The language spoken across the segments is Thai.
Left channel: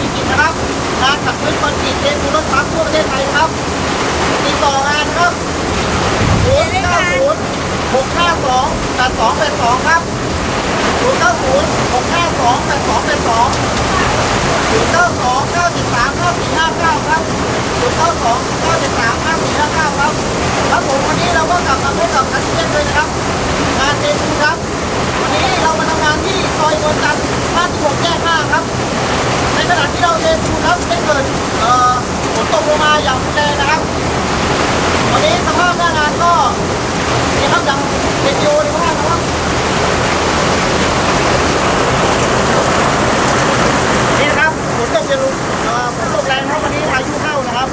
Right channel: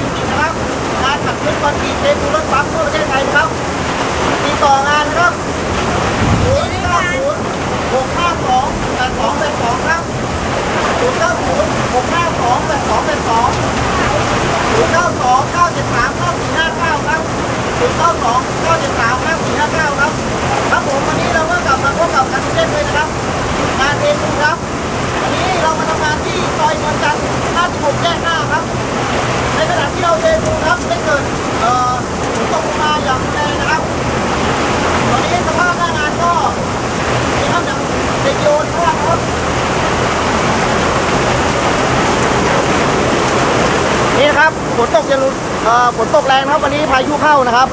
จริงๆนะครับงานขับเคลื่อนคอนกรีตเทปูนรถปั๊มทั่วประเทศไทยนะครับติดต่องานนะครับ0 9 0 6 5 2 8 2 8 2 ครับ 0 9 0 6 5 2 8 2 8 2 0 9 2 9 7 3 5 4 5 9 ครับ 0 9 2 9 7 3 5 4 5 9 ครับ ครับผมวันนี้เราก็กลับมาพบกับกันเช่นเคยนะครับ งานเทปูนครับ วันนี้เรามาทำงานที่ซอยนวลจันทร์56แยก5ครับ ในขณะที่เราเทปูนครับได้เกิดฝนตกลงมาอย่างรุนแรงนะครับ วันนี้สภาพหน้างานก็นี่ครับอย่างเรดิโอนี่ครับครับนี่ครับฝนตกจะรุนฝนตกแรงครับวันนี้พายุเข้านะครับ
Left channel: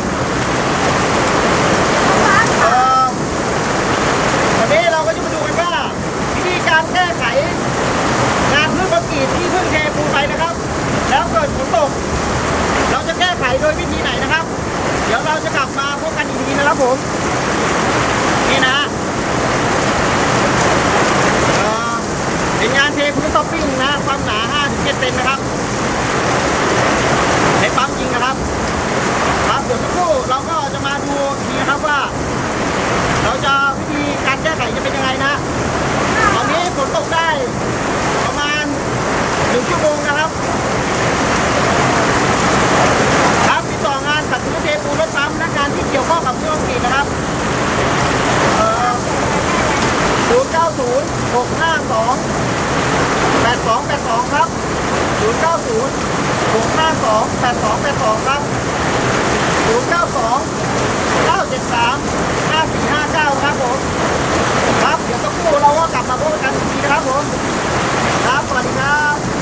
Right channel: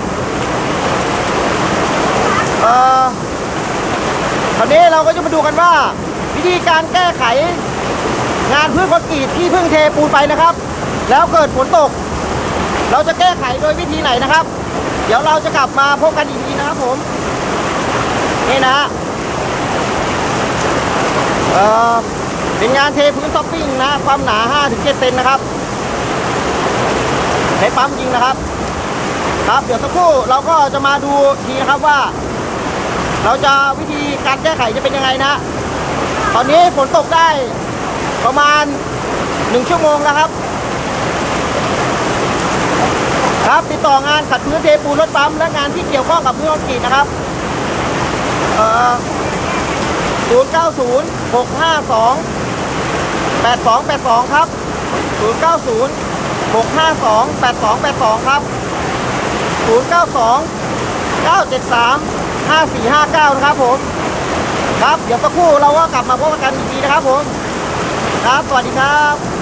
ตอนนี้เราก็จะมาดูกันว่า วิธีการแก้ไข งานพื้นคอนกรีตที่เพิ่งเทปูนไปนะครับ แล้วเกิดฝนตก เราจะแก้ไขโดยวิธีไหนนะครับ เดี๋ยวเราจะกลับมาพบกันอีกทีนะครับผม นี่นะฮะเอ่อเป็นงานเทพื้นท็อปปิ้งนะ ความหนา 5-7เซนนะครับใช้ปั๊มจริงนะครับ ครับ เดี๋ยวสักครู่เราก็จะมาดูทีนะครับว่า เราจะวิธีการแก้ไขจะเป็นยังไงนะ ตอนนี้ฝนตกได้ประมาณหนึ่งชั่วโมงนะครับ ครับ ต่องานขัดพื้นเทปูนรถปั๊มและงานที่เกี่ยวข้องกับพื้นคอนกรีตนะครับเอ่อ0 9 0 6 5 2 8 2 8 2ครับ0 9 0 6 5 2 8 2 8 2ครับ0 9 2 9 7 3 5 4 5 9นะครับผม ครับ เดี๋ยวสักครู่เราก็กลับมาพบกันอีกทีนะครับผม ครับ สวัสดีครับ